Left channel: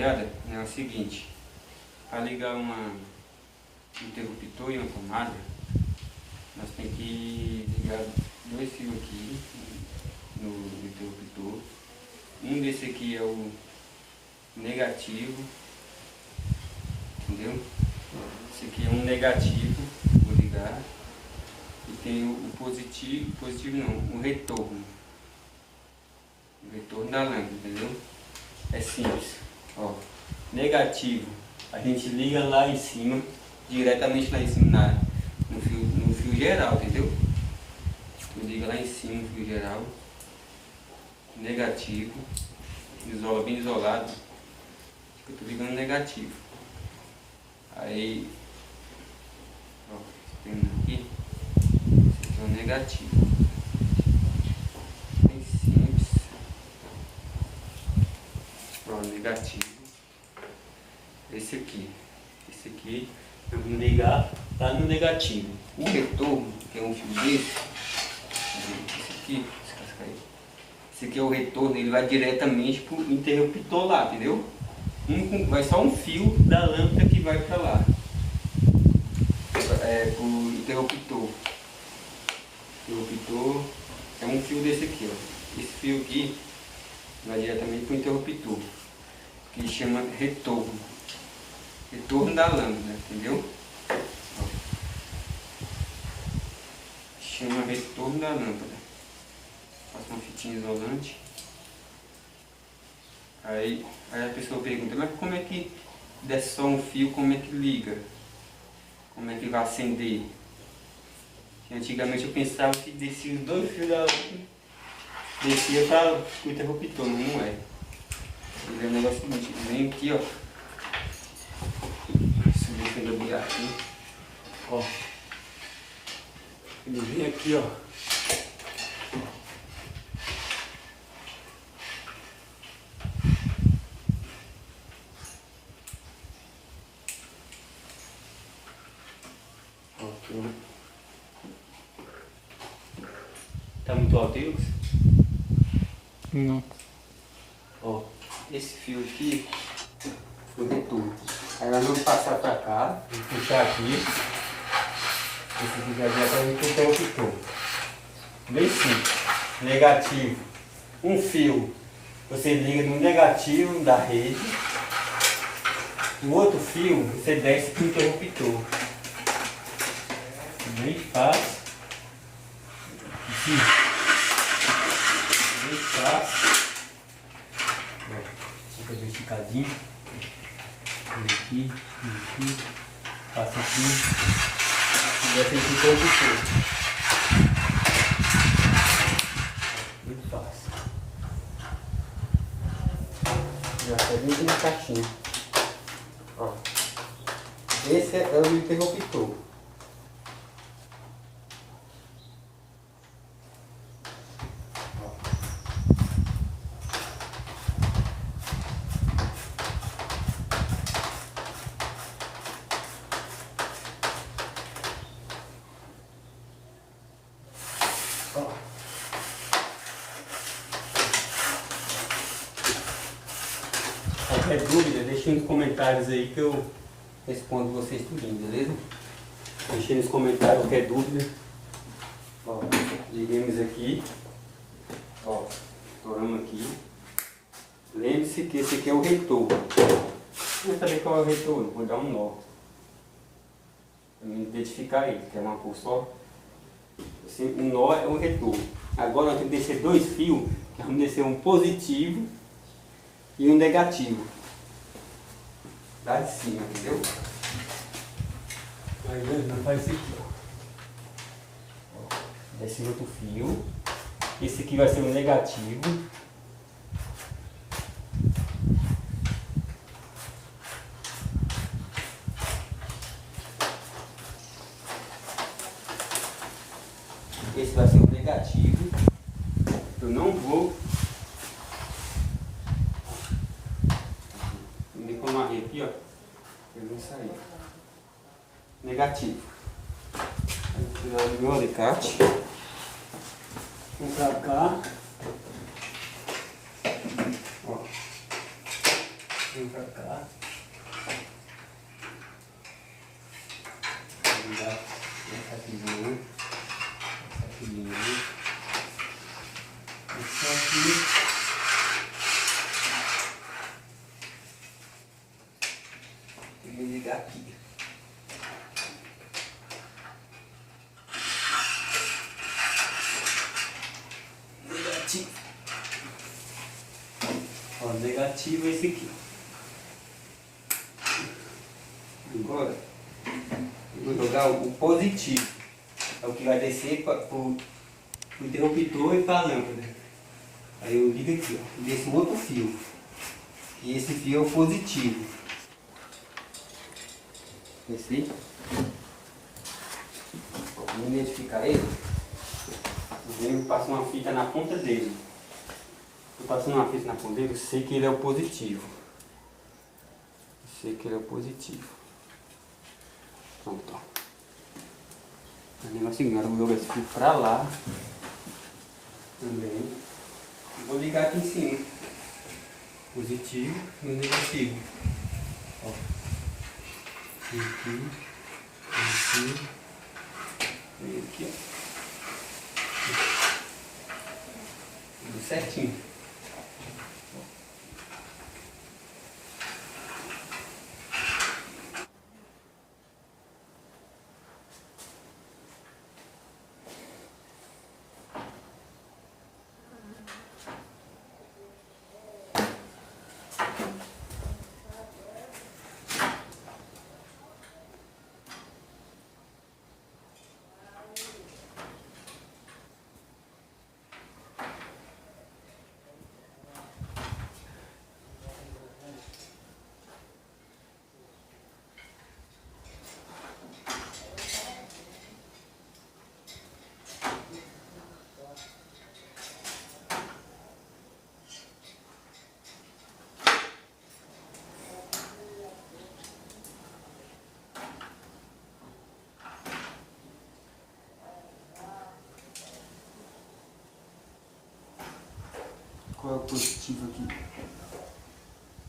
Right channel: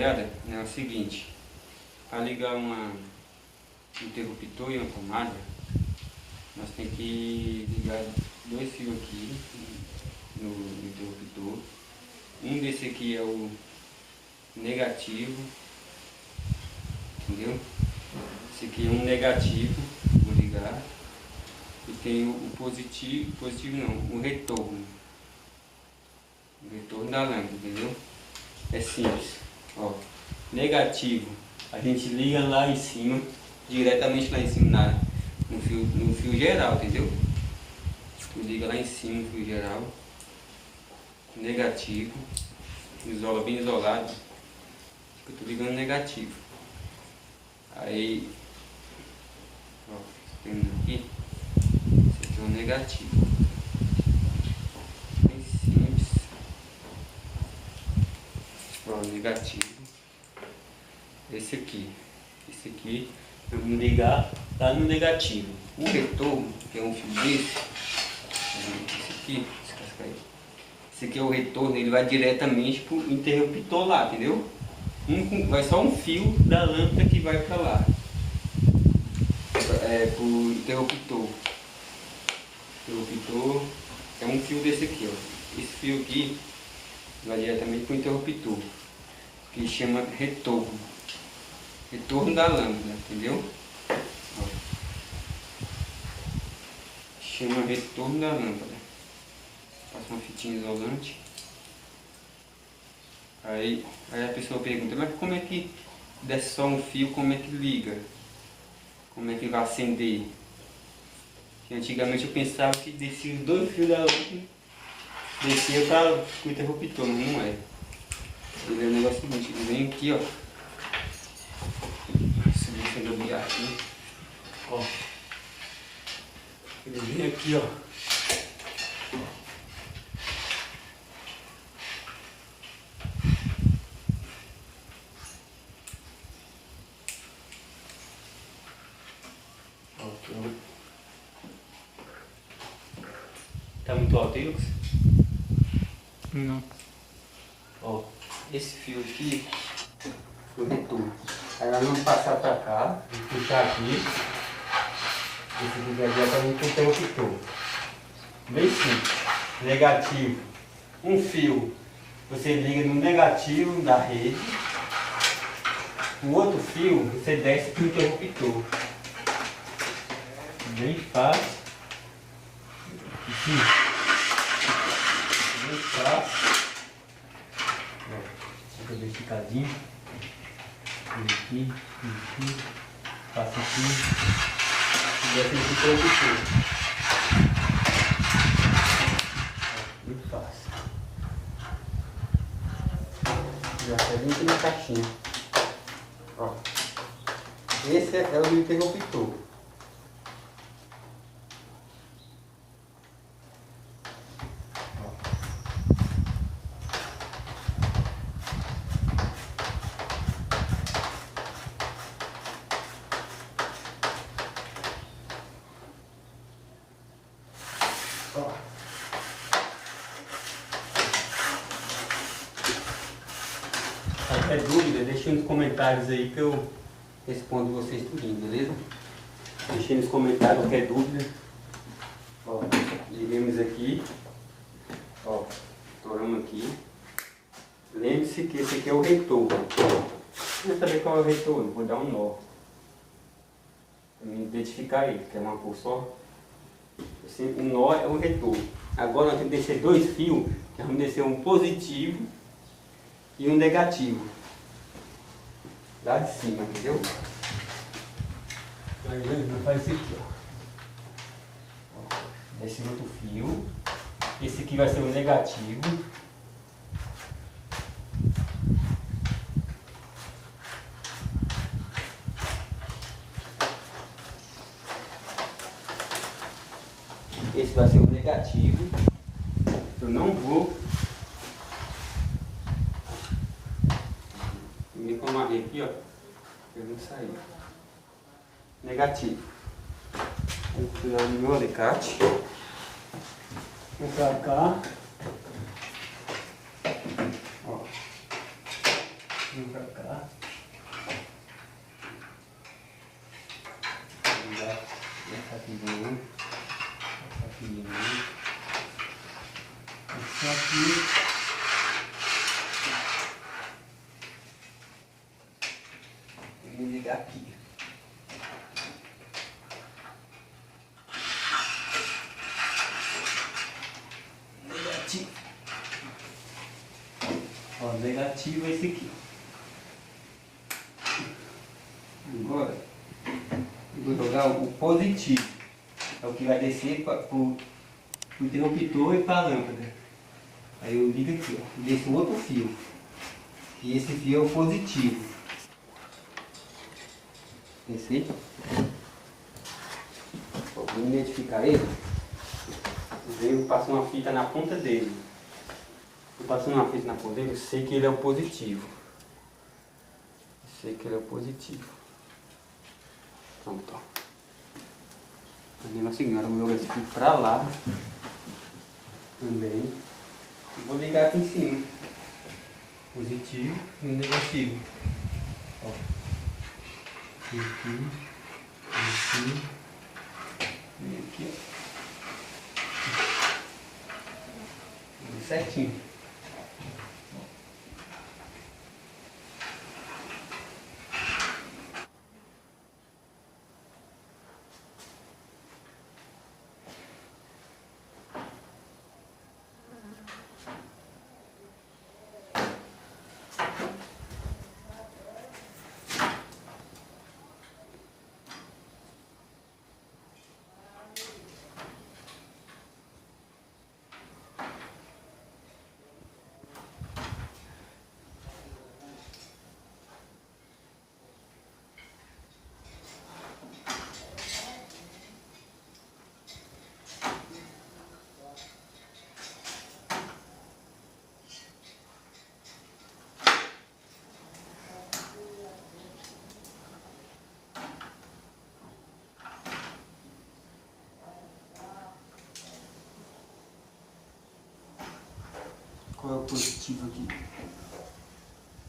rapaziada, é o seguinte. Para ligar um interruptor e uma tomada, nós temos que ligar dois fios aqui no interruptor. Um desse aqui é o negativo, entendeu? Esse aqui é um negativo, vou ligar. E tem o positivo não, o retorno da lâmpada, entendeu? É simples, ó. Negativo, a gente liga lá em cima, diretamente lá em cima no fio geral, entendeu? Tu liga lá em cima no fio geral. Negativo, isola bem isolado. Eu tô ligando negativo. Aí, ó, vendo aqui, esse aqui é o negativo. Bem simples. Ó, negativo. Esse aqui, vamos ligar lá no negativo. O retorno, que é um fio desse, esse aqui é o retorno, ele vai diretamente pro interruptor lá, entendeu? Vai só um fio da lâmpada que vai para lá, pro interruptor. O interruptor é um fio desse aqui, ó. Esse fio aqui vai diretamente pro interruptor, que chama retorno. Retorno da lâmpada, entendeu? Ó. Chama retorno da lâmpada. Passa uma fitinha isolante. Aí a pessoa pergunta, mas como é que desce só um fio, como é que liga? Como é que vai acender? Porque antigamente eu pensava que descia os dois fios da lâmpada, descia para o interruptor, não é. Ele é o negócio seguinte, ele vem aqui, ó. Deixa eu ligar aqui. Ó. Ele vem aqui, ó. Tá muito alto aí, Lucas? Não. Ó, esse fio aqui foi o retorno. Aí nós vamos passar pra cá, puxar aqui. Esse aqui já diretamente pro interruptor. Bem simples. Negativo. Um fio você liga no negativo da rede. O outro fio você desce pro interruptor. Bem fácil. Aqui. Bem fácil. Vou fazer um picadinho. Aqui, passa aqui. E já tem que interruptor. Muito fácil. Já está dentro da caixinha. Ó. Esse é o interruptor. Qualquer dúvida, deixe nos comentários aí que eu respondo vocês tudinho, beleza? Deixe nos comentários qualquer dúvida. Ó, liguemos aqui. Ó, estouramos aqui. Lembre-se que esse aqui é o retorno. Vou saber qual é o retorno, vou dar um nó. Para me identificar ele, que é uma cor só. O nó é o retorno. Agora nós temos que descer dois fios, que vamos descer um positivo e um negativo. Lá de cima, entendeu? Aí nós faz isso aqui, ó. Desce outro fio. Esse aqui vai ser o negativo. Esse vai ser o negativo. Eu não vou me amarrei aqui, ó. Ele vai sair. Negativo. Vou tirar o meu alicate. Vou pra cá. Ó. Vem pra cá. Essa aqui de novo. Essa aqui de novo. Essa aqui. Tem que ligar aqui. Negativo. Ó, negativo é esse aqui. Agora, eu vou jogar o positivo. É o que vai descer para o interruptor e para a lâmpada. Aí eu ligo aqui, ó. Desce um outro fio. E esse fio é o positivo. Esse vou identificar ele. Eu passo uma fita na ponta dele. Eu passando uma fita na ponta dele, eu sei que ele é o positivo. Eu sei que ele é o positivo. Pronto, ó. O negócio agora eu vou jogar esse fio pra lá. Também. E vou ligar aqui em cima. Positivo e o negativo. Ó. Aqui. Aqui. E aqui, ó. Certinho. Qual é o positivo aqui?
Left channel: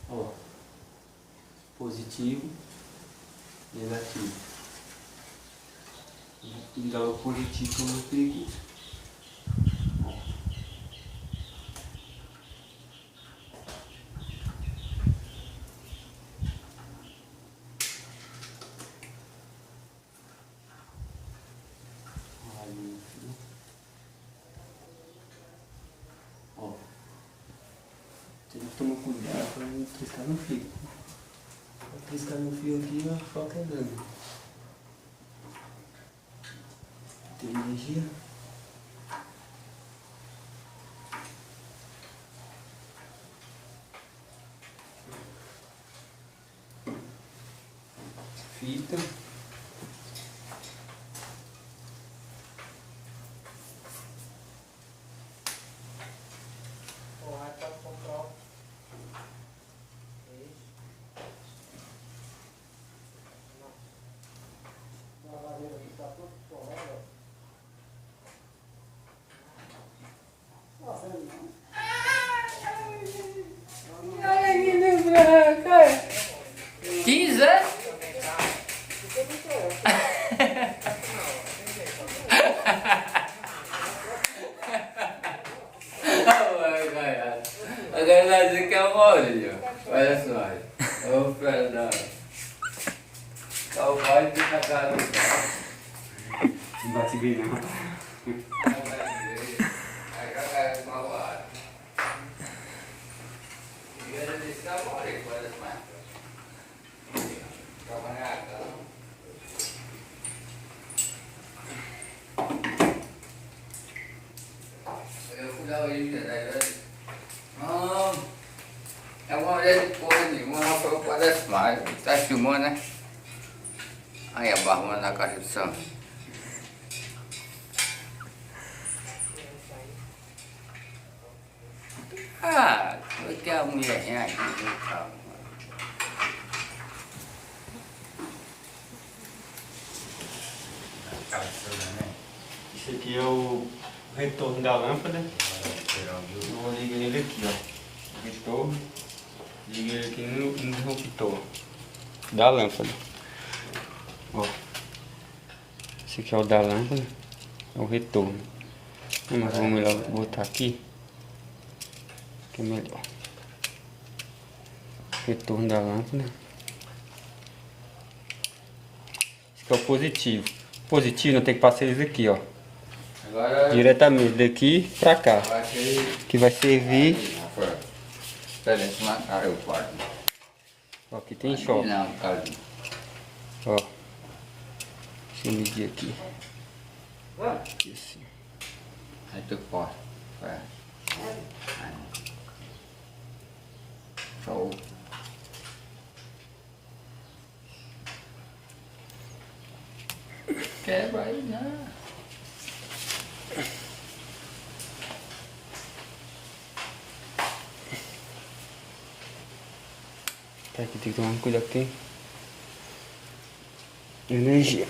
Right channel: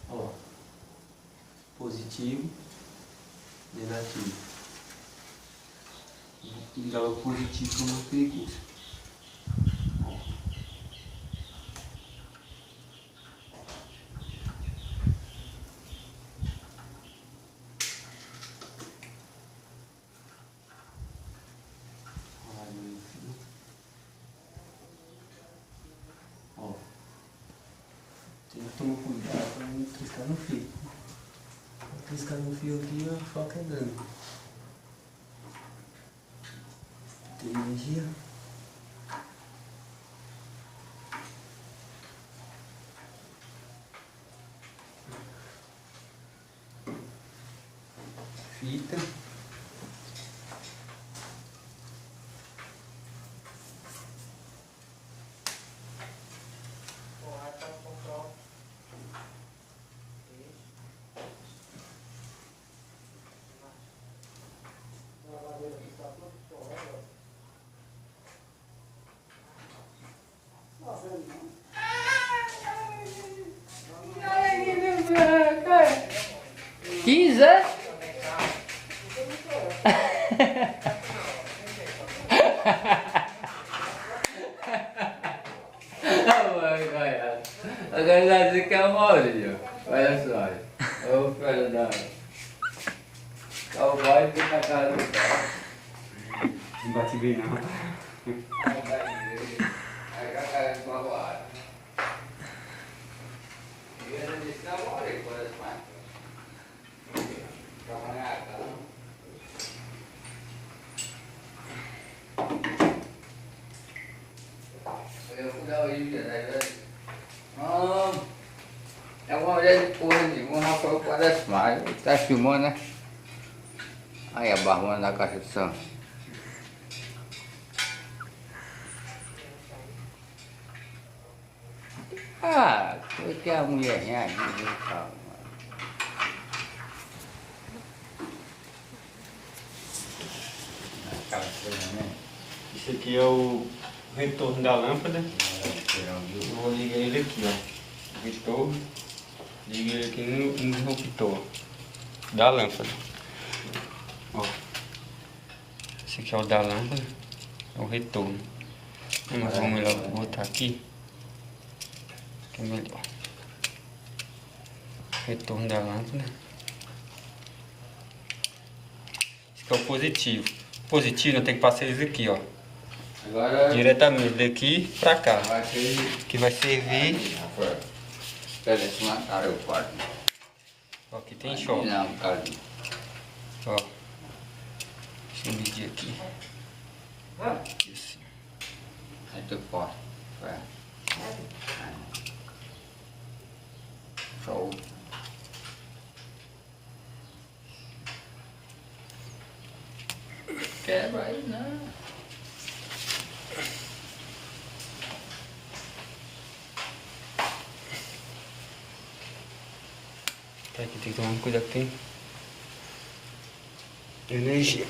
Ó, positivo, negativo. Vou ligar o positivo que eu mostrei aqui. Ó. Ó. Tem que tomar cuidado para não triscar no fio. Se triscar no fio aqui, o choque é grande. Tem energia. Fita. Agora vai dizer que é o Maurinho. Olha só. Ô Fernando. O boy que tá cara do carro. Não bate bem não. Aí a cara de uma hora. E ele disse: tá bom, ele pode mais. Trabalhar, tá? Eu fui dar o livro, né? É uma mulher de porra nenhuma, ela falou que parece mais. Tá filmando, né? Aí a barba na caixa de som. Ah, porque a mulher aqui do carro. Isso aqui é o retorno da lâmpada. Eu vou ligar ele aqui, ó. Retorno Liga ele aqui no interruptor da lâmpada. Ó. Esse aqui é o da lâmpada. É o retorno. Mas vamos melhor botar aqui. Que é melhor. Retorno da lâmpada. Esse aqui é o positivo. Positivo não tem que passar isso aqui, ó. Agora Diretamente daqui pra cá. vai ser. Que vai servir. Espera, deixa eu matar o quarto. Ó, aqui tem choque. Não, cara. Ó. Deixa eu medir aqui. Isso. Aí tu corta. Vai. Show. Quebra aí, não. Tá, aqui tem que tomar cuidado que tem energia.